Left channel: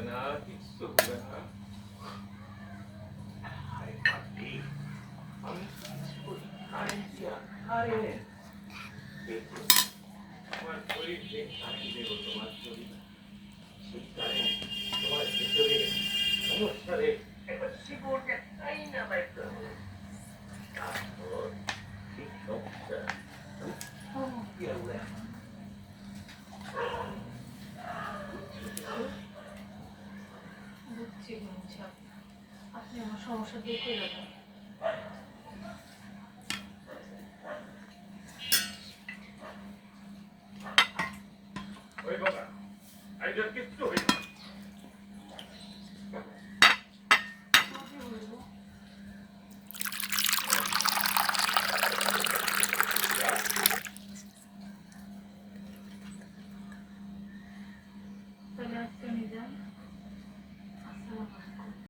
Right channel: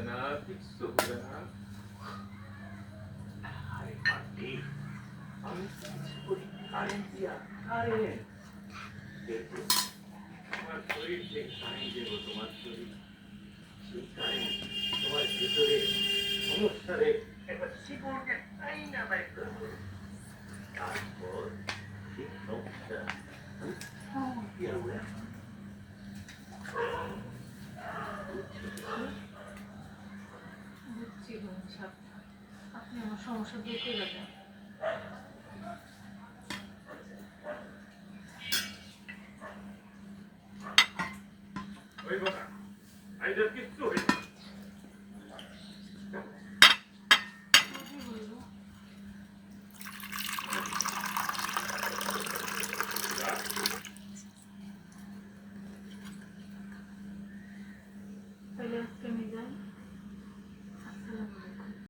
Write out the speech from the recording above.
হবে না, কিচ্ছু হবে না। আরে পাটি, আমি কিছু করি কারেন্ট দিয়া, কারেন্ট। তোমার শরীর যে কারেন্ট দেবো, তোমার শরীর সেই কারেন্ট তোমার ভেতরে সমস্যারে একটা শিকড়কে তাই না বাইর করবো। তারপর ঠিক সমস্যা আমি কি হবে বুঝছি সাহেব, আপনি আমার সমস্যা দূর করে দেন। ওই কথা আইডার কিচ্ছু